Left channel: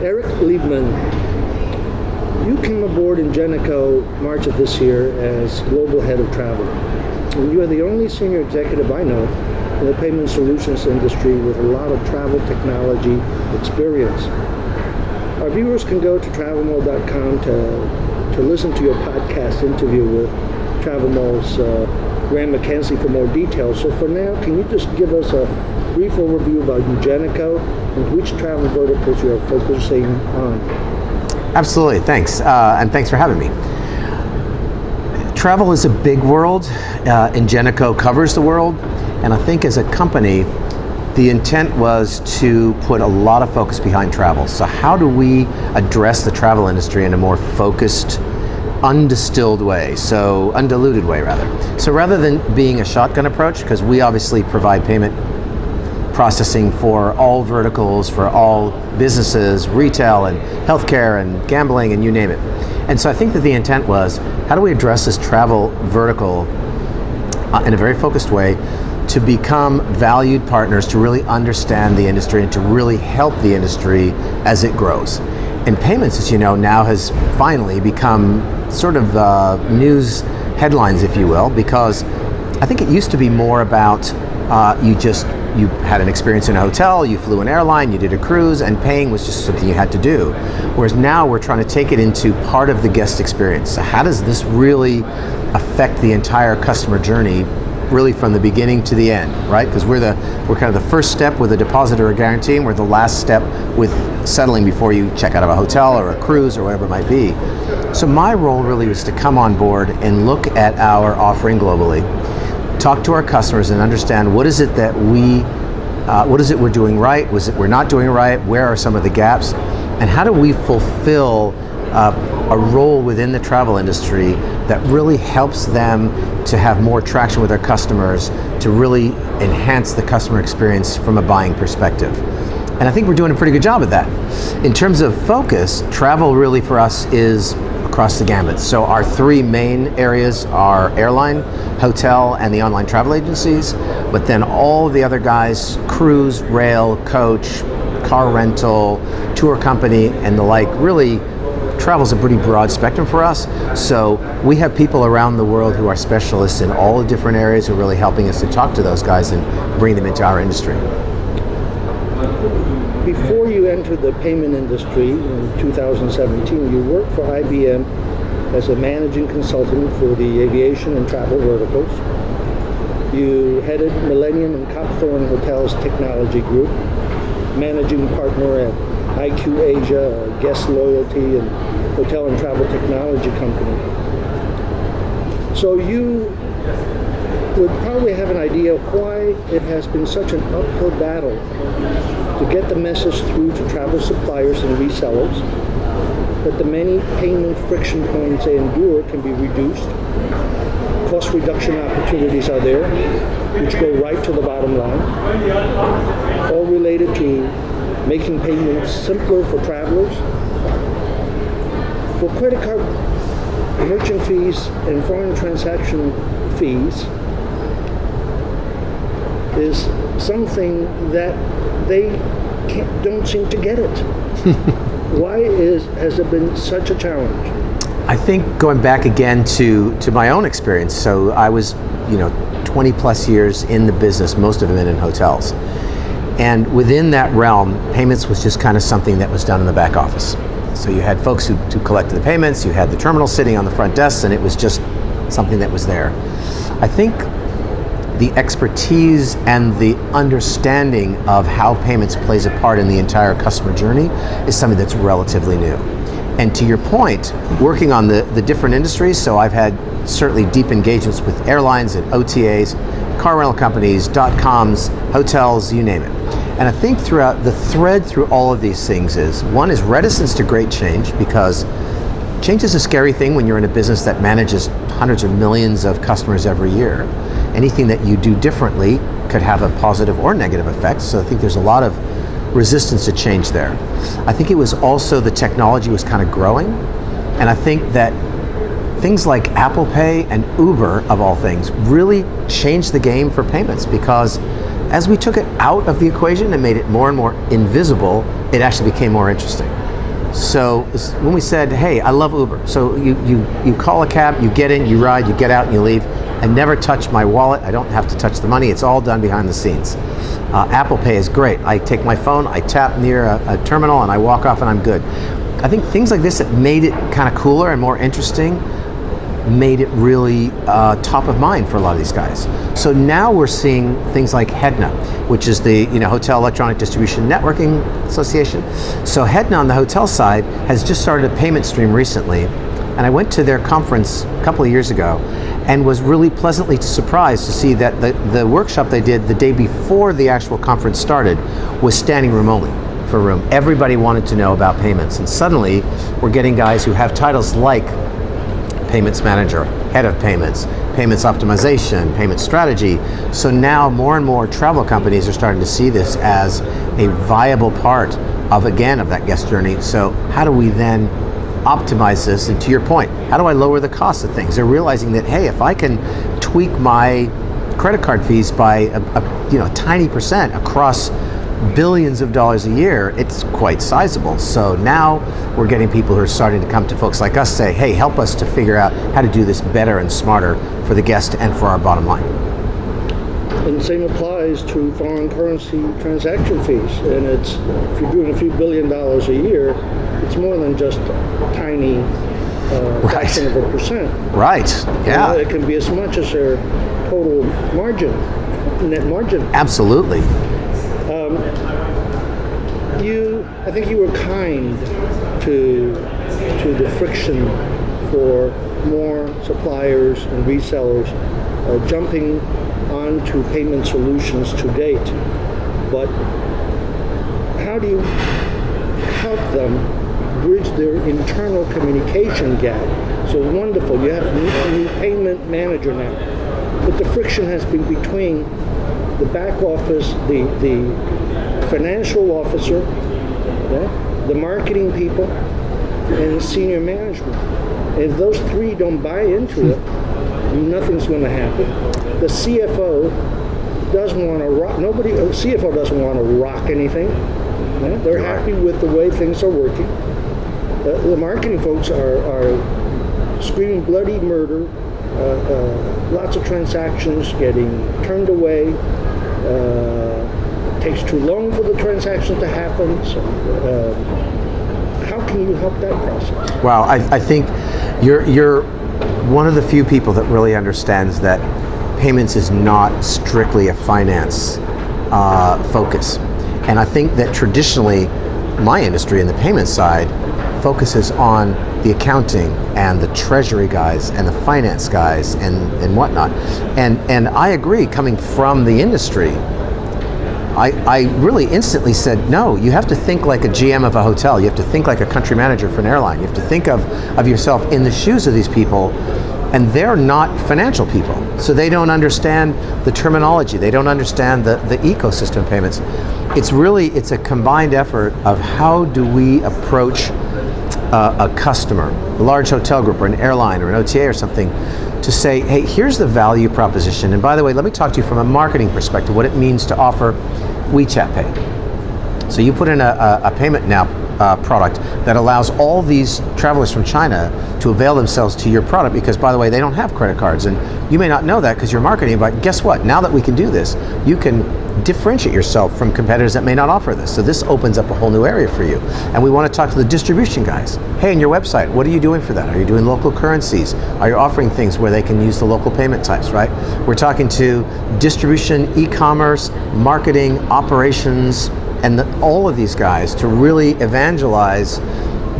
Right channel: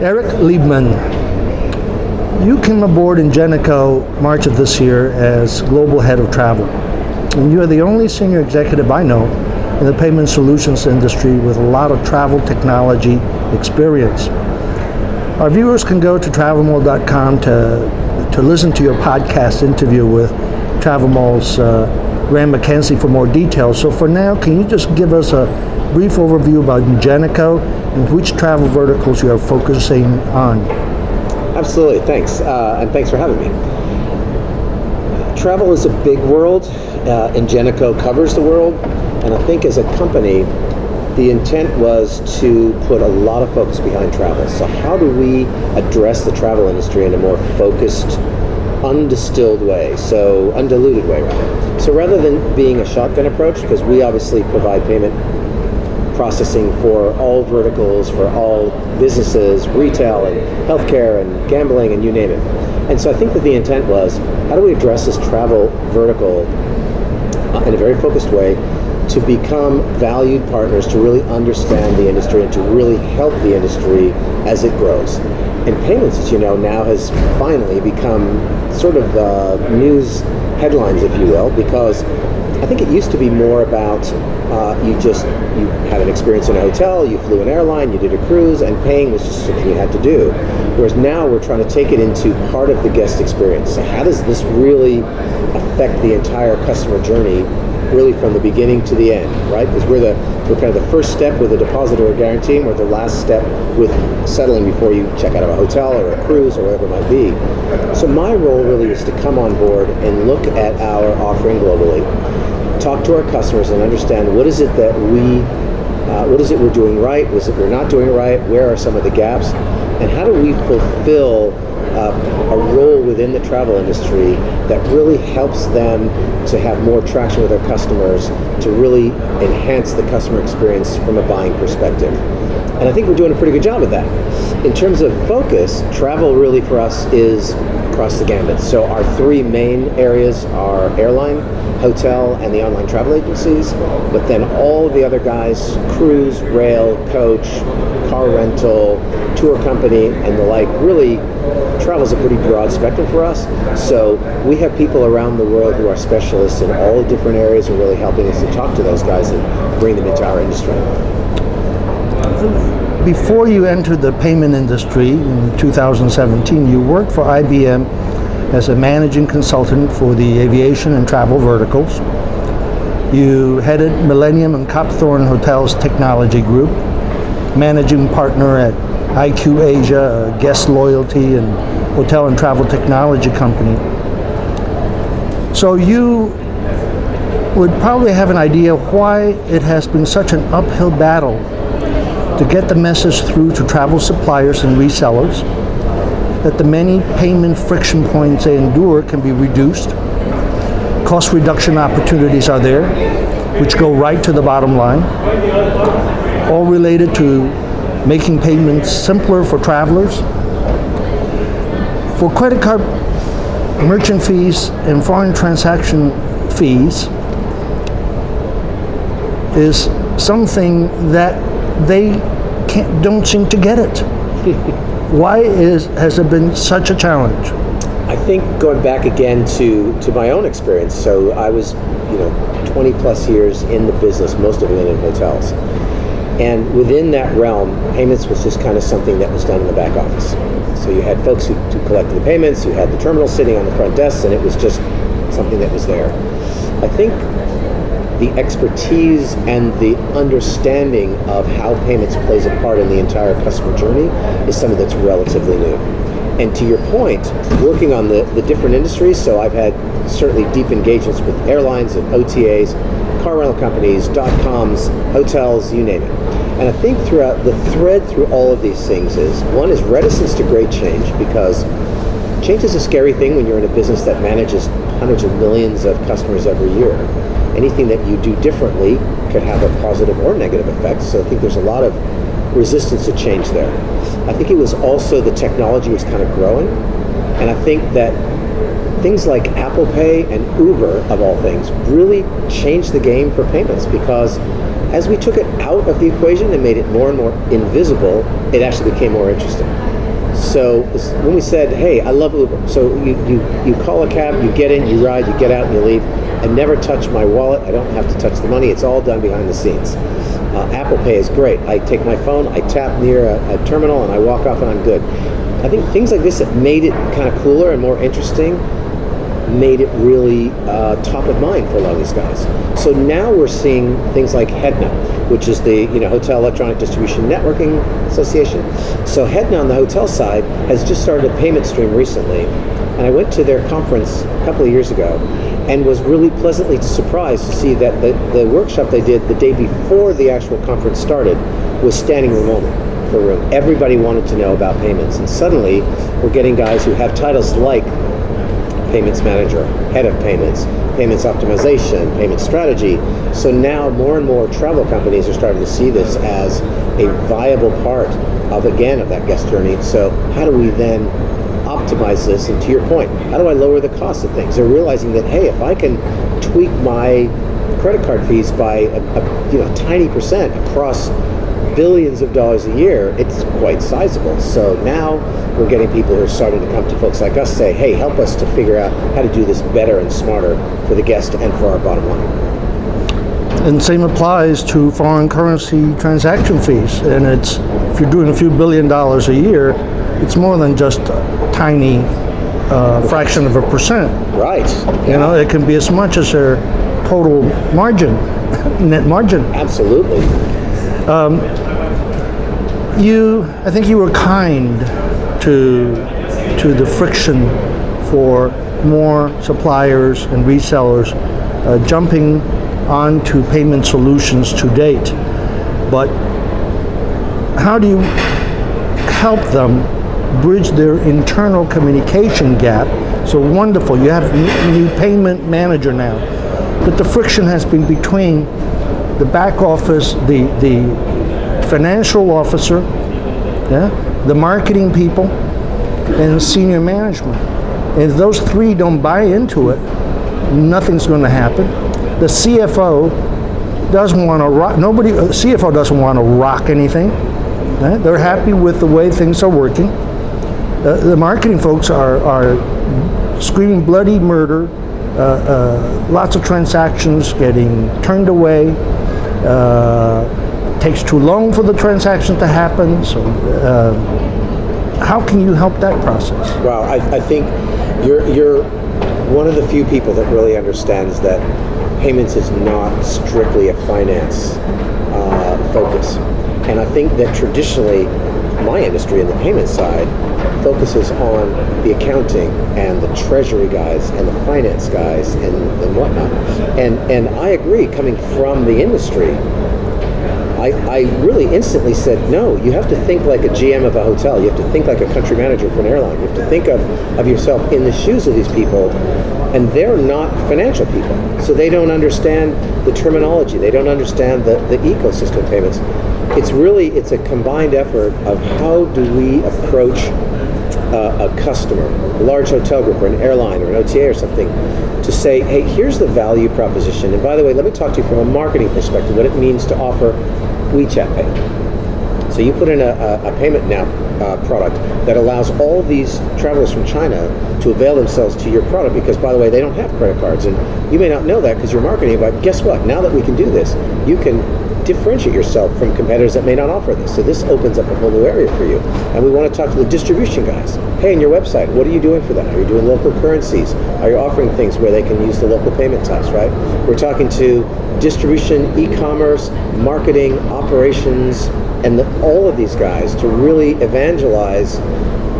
Eric Liebman, you came aboard Ingenico March of this year as Global Head of Travel. And you are the only senior executive I know in the payment solutions industry with a lot of travel technology experience. Our viewers can go to travelmall.com to listen to your podcast interview with TravelMall's Graham McKenzie for more details. So for now, can you just give us a brief overview about Ingenico and which travel verticals you are focusing on? Absolutely, thanks. And thanks for having me. Travel is a big world. Ingenico covers the world. And I think as a company, the intent was to put a lot of focus behind travel. So how do we address the travel industry in a more focused, undistilled way, so undiluted way rather. So rather than being a shotgun approach, because we obviously provide payment processing for all verticals, for all businesses, retail and healthcare and gambling and you name it. And so I think that the intent was, how do we address this travel vertical in a very focused way to become valued partners, to really understand the industry and to really help the industry as it grows. And payments, as you know, now has finally become sort of news headlines, if you will, because I think it used to be more about you had an experience in a hotel, you flew an airline, you did a cruise, and paying was just something you had to do. Whereas now we're trying to take it into part of the guest experience. So how does this really affect the entire customer journey, really from the beginning to the end, right? Because we're kind of the first step with a deposit or a guarantee, and we're the last step with settling before you check out of a hotel or a cruise or whatever it might be. So my role really was to come on board and look at our offering globally, talk to our customers and understand what is it that what is it we're doing right, what is it we're not doing right, where are some of the gaps, and how do we fulfill a role within the travel industry that really helps them to have more traction with their customers, to really enhance the customer experience from a buying perspective. And I think we're doing a pretty good job of that. In terms of focus, travel really for us is across the gambit. So our three main areas are airline, hotel, and the online travel agencies, but then all the other guys, cruise, rail, coach, car rental, tour company, and the like, really travel's a pretty broad spectrum for us. So we have people around the world who are specialists in all the different areas who are really helping us to talk to those guys and bring them into our industry. Before you entered the payment industry in 2017, you worked for IBM as a managing consultant for the aviation and travel verticals. You headed Millennium and Copthorne Hotels Technology Group, managing partner at IQ Asia, a guest loyalty and hotel and travel technology company. So you would probably have an idea why it has been such an uphill battle to get the message through to travel suppliers and resellers that the many payment friction points they endure can be reduced. Cost reduction opportunities are there, which go right to the bottom line, all related to making payments simpler for travelers. For credit card merchant fees and foreign transaction fees is something that they don't seem to get it. Why has it been such a challenge? I think going back again to my own experience, so I was 20 plus years in the business, most of it in hotels. And within that realm, payments was just kind of something that was done in the back office. So you had folks who collected the payments, you had the terminal sitting on the front desk, and it was just something that was there. I think the expertise and the understanding of how payments plays a part in the entire customer journey is something that's relatively new. And to your point, working on the different industries, so I've had certainly deep engagements with airlines and OTAs, car rental companies, .coms, hotels, you name it. And I think throughout the thread through all of these things is, one is reticence to great change, because change is a scary thing when you're in a business that manages hundreds of millions of customers every year. Anything that you do differently could have a positive or negative effect. So I think there's a lot of resistance to change there. I think it was also the technology was kind of growing. And I think that things like Apple Pay and Uber, of all things, really changed the game for payments, because as we took it out of the equation and made it more and more invisible, it actually became more interesting. So when we said, hey, I love Uber. So you call a cab, you get in, you ride, you get out, and you leave. I never touch my wallet. I don't have to touch the money. It's all done behind the scenes. Apple Pay is great. I take my phone, I tap near a terminal, and I walk off, and I'm good. I think things like this that made it kind of cooler and more interesting made it really top of mind for a lot of these guys. So now we're seeing things like HEDNA, which is the Hotel Electronic Distribution Networking Association. So HEDNA on the hotel side has just started a payment stream recently, and I went to their conference a couple of years ago and was really pleasantly surprised to see that the workshop they did the day before the actual conference started was standing room only for a room. Everybody wanted to know about payments, and suddenly we're getting guys who have titles like payments manager, head of payments, payments optimization, payment strategy. So now more and more travel companies are starting to see this as a viable part of that guest journey. So how do we then optimize this? And to your point, how do I lower the cost of things? They're realizing that, hey, if I can tweak my credit card fees by a tiny percent across billions of dollars a year, it's quite sizable. So now we're getting people who are starting to come to folks like us, say, hey, help us to figure out how to do this better and smarter for the guest and for our bottom line. And same applies to foreign currency transaction fees. And if you're doing a few $1 billion a year, it's more than just a tiny fraction of a percent. Right. Yeah. It can be as much as their total margin, net margin. Absolutely. I think you were kind to the friction for more suppliers and resellers jumping onto payment solutions to date. But how do you help them bridge their internal communication gap? So wonderful, you have a new payment manager now, but the friction has been between the back office, the financial officer, the marketing people, and senior management. And if those three don't buy into it, nothing's going to happen. The CFO doesn't want to rock. CFO doesn't want to rock anything. Right? They're happy with the way things are working. The marketing folks are screaming bloody murder. Lots of transactions getting turned away. Takes too long for the transaction to happen. So, how can you help that process? Well, I think you're one of the few people that really understands that payments is not strictly a finance focus. And I think that traditionally, my industry in the payment side focuses on the accounting and the treasury guys and the finance guys and whatnot. And I agree, coming from the industry, I really instantly said, no, you have to think like a GM of a hotel. You have to think like a country manager for an airline. You have to think of yourself in the shoes of these people, and they're not financial people. So they don't understand the terminology. They don't understand the ecosystem of payments. It's a combined effort of how do we approach a customer, a large hotel group or an airline or an OTA or something, to say, hey, here's the value proposition. And by the way, let me talk to you from a marketing perspective, what it means to offer WeChat Pay. So you put in a payment now product that allows all these travelers from China to avail themselves to your product because, by the way, they don't have credit cards. And you may not know that because you're marketing, but guess what? Now that we can do this, you can differentiate yourself from competitors that may not offer this. So this opens up a whole new area for you. And we want to talk to the distribution guys. Hey, in your website, what are you doing for that? Are you doing local currencies? Are you offering things where they can use the local payment types, right? We're talking to distribution, e-commerce, marketing, operations, and all of these guys to really evangelize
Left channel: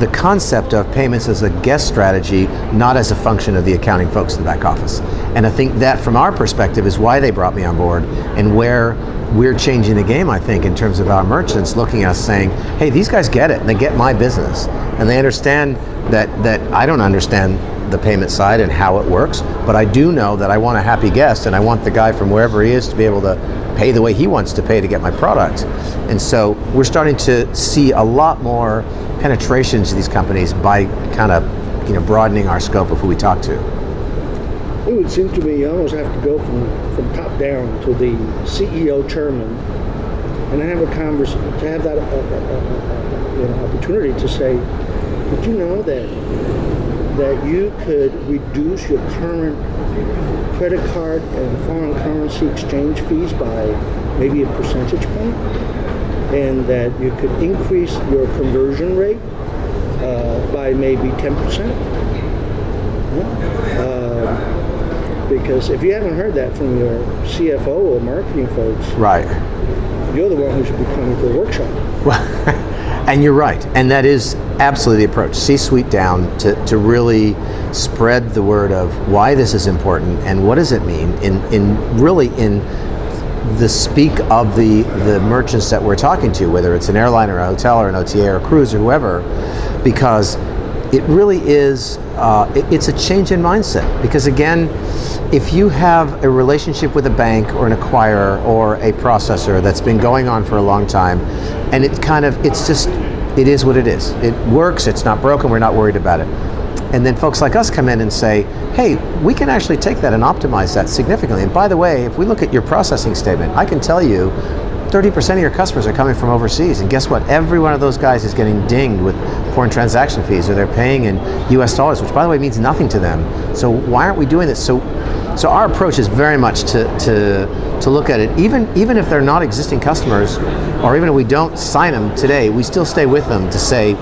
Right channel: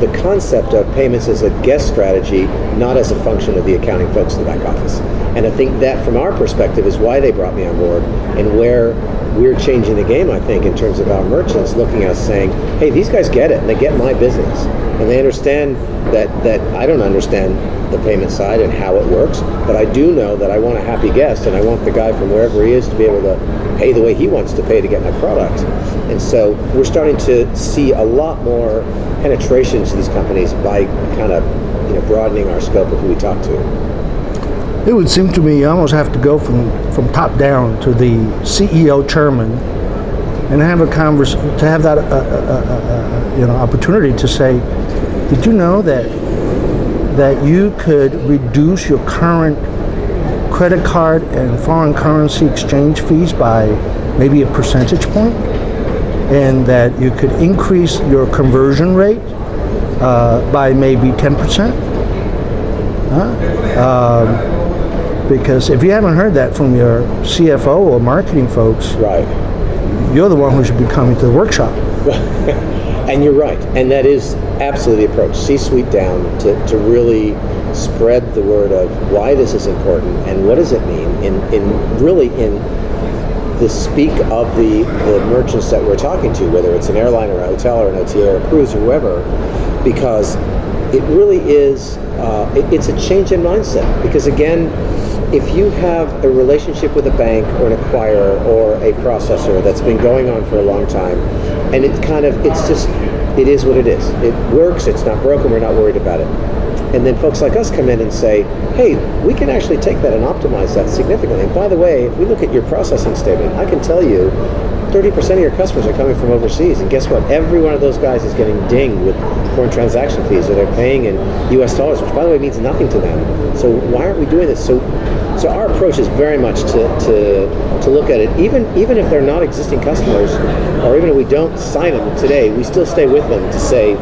the concept of payments as a guest strategy, not as a function of the accounting folks in the back office. And I think that from our perspective is why they brought me on board and where we're changing the game, I think, in terms of our merchants looking at us saying, hey, these guys get it, and they get my business. And they understand that I don't understand the payment side and how it works, but I do know that I want a happy guest, and I want the guy from wherever he is to be able to pay the way he wants to pay to get my product. And so we're starting to see a lot more penetration to these companies by kind of broadening our scope of who we talk to. It would seem to me you almost have to go from top down to the CEO chairman and have a conversation, to have that opportunity to say, did you know that you could reduce your current credit card and foreign currency exchange fees by maybe a percentage point, and that you could increase your conversion rate by maybe 10%? Because if you haven't heard that from your CFO or marketing folks, Right. you're the one who should be coming to the workshop. And you're right, and that is absolutely the approach, C-suite down, to really spread the word of why this is important and what does it mean in the speak of the merchants that we're talking to, whether it's an airline or a hotel or an OTA or a cruise or whoever, because it really is, it's a change in mindset. Because again, if you have a relationship with a bank or an acquirer or a processor that's been going on for a long time, and it is what it is. It works, it's not broken, we're not worried about it. And then folks like us come in and say, hey, we can actually take that and optimize that significantly. And by the way, if we look at your processing statement, I can tell you 30% of your customers are coming from overseas. And guess what? Every one of those guys is getting dinged with foreign transaction fees, or they're paying in US dollars, which by the way means nothing to them. So why aren't we doing this? So our approach is very much to look at it, even if they're not existing customers, or even if we don't sign them today, we still stay with them to say,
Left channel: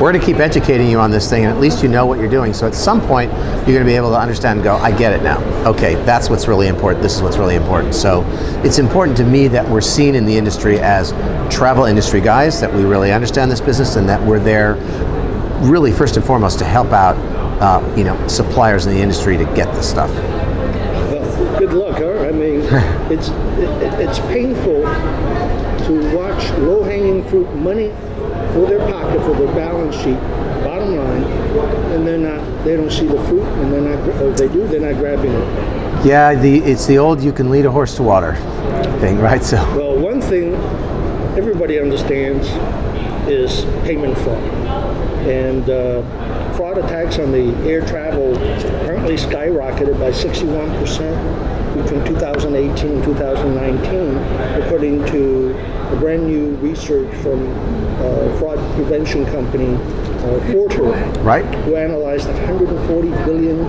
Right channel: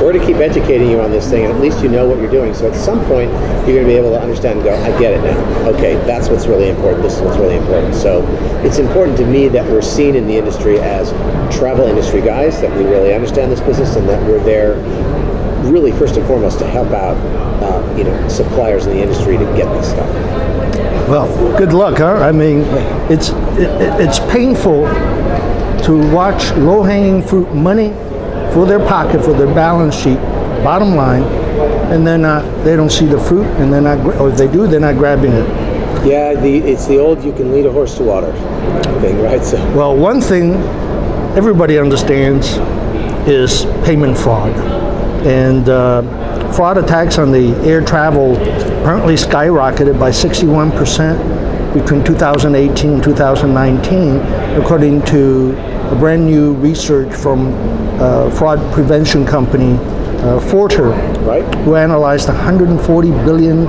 we're to keep educating you on this thing, and at least you know what you're doing. So at some point, you're going to be able to understand and go, I get it now. Okay, that's what's really important. This is what's really important. So it's important to me that we're seen in the industry as travel industry guys, that we really understand this business, and that we're there really first and foremost to help out suppliers in the industry to get this stuff. Well, good luck, huh? I mean, it's painful to watch low-hanging fruit money for their pocket, for their balance sheet, bottom line, and then they don't see the fruit, and then or if they do, they're not grabbing it. Yeah, it's the old "you can lead a horse to water" thing, right? So, well, one thing everybody understands is payment fraud, and fraud attacks on the air travel apparently skyrocketed by 61% between 2018 and 2019, according to a brand new research from fraud prevention company Forter, right, who analyzed 140 billion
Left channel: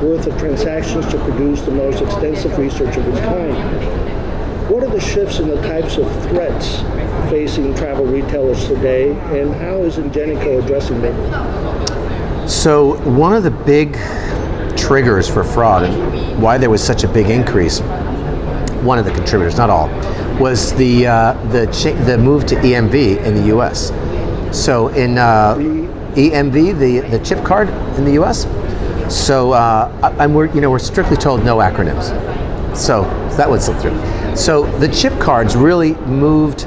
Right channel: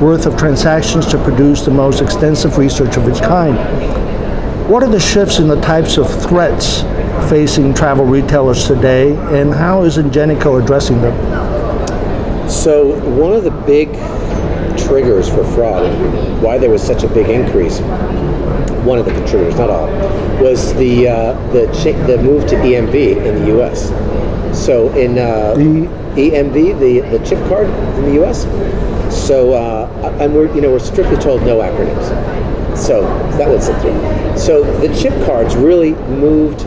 worth of transactions to produce the most extensive research of its kind. What are the shifts in the types of threats facing travel retailers today, and how is Ingenico addressing them? So one of the big triggers for fraud, and why there was such a big increase, one of the contributors, not all, was the move to EMV in the U.S. So in EMV, the chip card in the U.S. So we're strictly told no acronyms. So that would slip through. So the chip cards really moved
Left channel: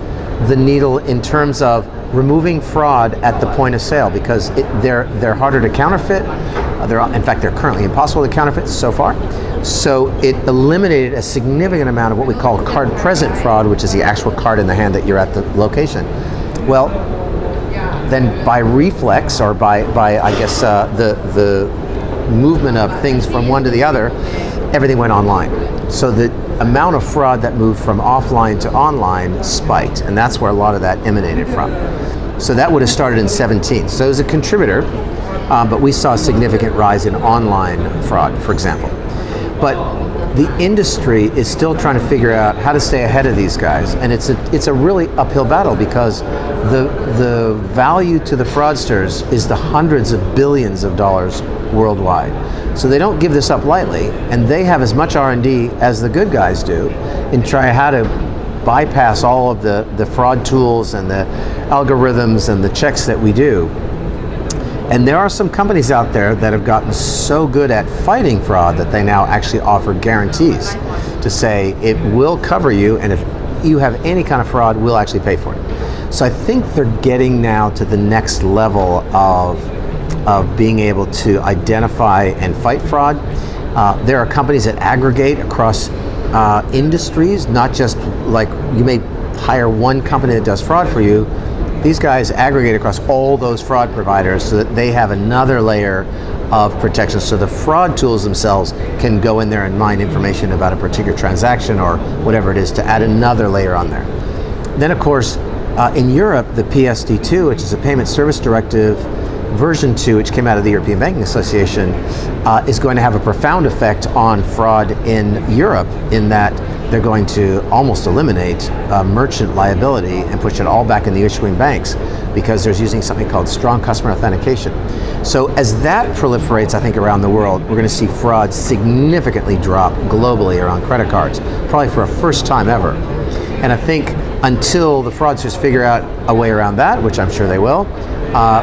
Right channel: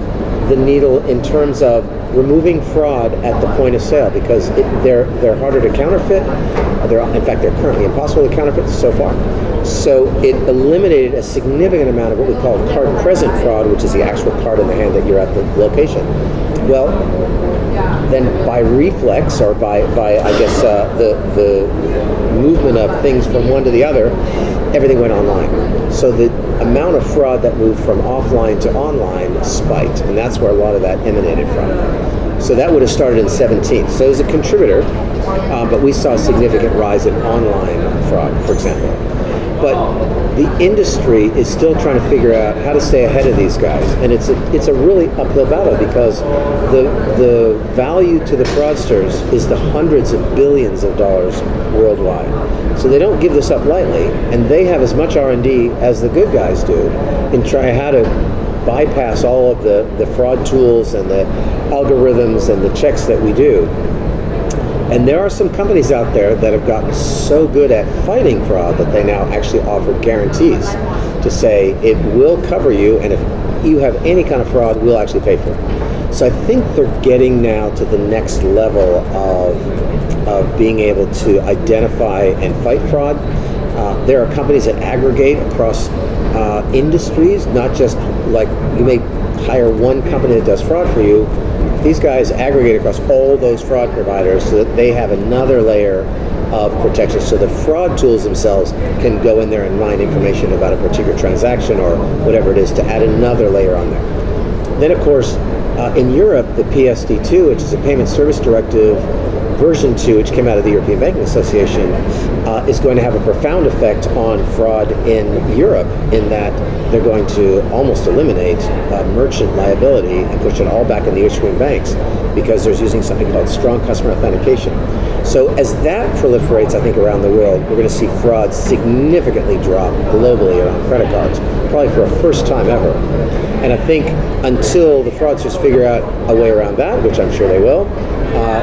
the needle in terms of removing fraud at the point of sale, because they're harder to counterfeit. In fact, they're currently impossible to counterfeit so far. So it eliminated a significant amount of what we call card present fraud, which is the actual card in the hand that you're at the location. Well, then by reflex, or by I guess the movement of things from one to the other, everything went online. So the amount of fraud that moved from offline to online spiked, and that's where a lot of that emanated from. So that would have started in 17. So it was a contributor, but we saw a significant rise in online fraud, for example. But the industry is still trying to figure out how to stay ahead of these guys, and it's a really uphill battle, because the value to the fraudsters is the hundreds of billions of dollars worldwide. So they don't give this up lightly, and they have as much R&D as the good guys do in trying how to bypass all of the fraud tools and the algorithms and the checks that we do. And there are some companies out there that have gotten so good at fighting fraud that they now actually offer guarantees to say it will cover you, and if you have any kind of fraud, we'll actually pay for it. So I think they're getting now to the next level of being able to identify and fight fraud. There are companies that aggregate across industries, not just like you may hire one company that does fraud for you. These guys aggregate across all those fraud providers so that they have another layer of protection. So the fraud tools themselves can go in there and mine information about a particular transaction or whatever it is to add another layer on there. Then of course, In Europe, the PSD2, which is a Payment Service Directive version 2, which came out of the European Banking Association, is going to have a profound effect on fraud in Europe, in that they're going to almost eliminate merchant liability and push it all back in the issuing banks, because there's using something called strong customer authentication. So as that proliferates, I think, around the world, we're going to see fraud significantly drop globally around credit cards, probably for a first time ever. And I think until the fraudsters figure out a way around that, which I'm sure they will,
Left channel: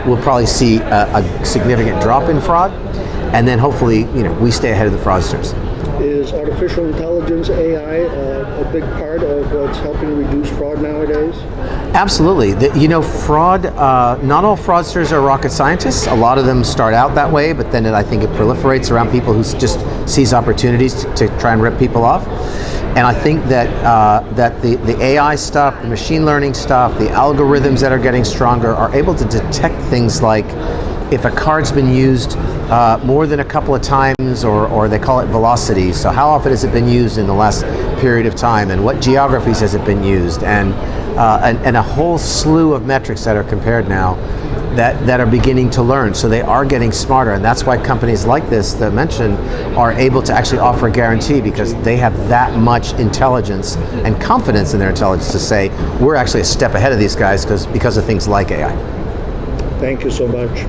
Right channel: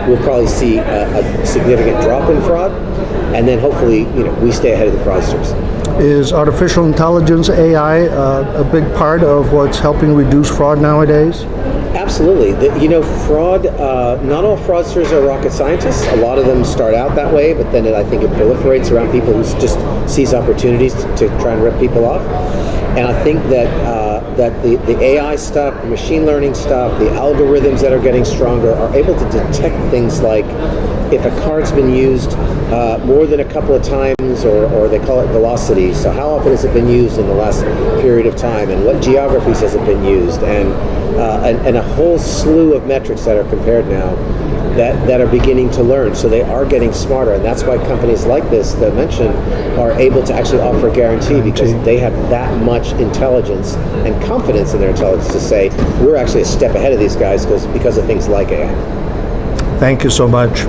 we'll probably see a significant drop in fraud, and then hopefully, we stay ahead of the fraudsters. Is artificial intelligence, AI, a big part of what's helping reduce fraud nowadays? Absolutely. Fraud, not all fraudsters are rocket scientists. A lot of them start out that way, but then I think it proliferates around people who just seize opportunities to try and rip people off. And I think that the AI stuff, the machine learning stuff, the algorithms that are getting stronger are able to detect things like if a card's been used more than a couple of times, or they call it velocity. So how often has it been used in the last period of time, and what geographies has it been used, and a whole slew of metrics that are compared now that are beginning to learn. So they are getting smarter, and that's why companies like this that I mentioned are able to actually offer a guarantee, because they have that much intelligence and confidence in their intelligence to say, we're actually a step ahead of these guys because of things like AI. Thank you so much.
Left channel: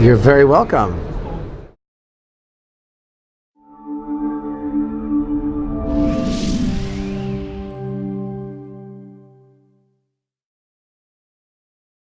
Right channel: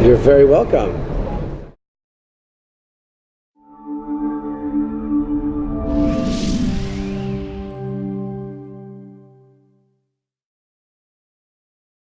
You're very welcome.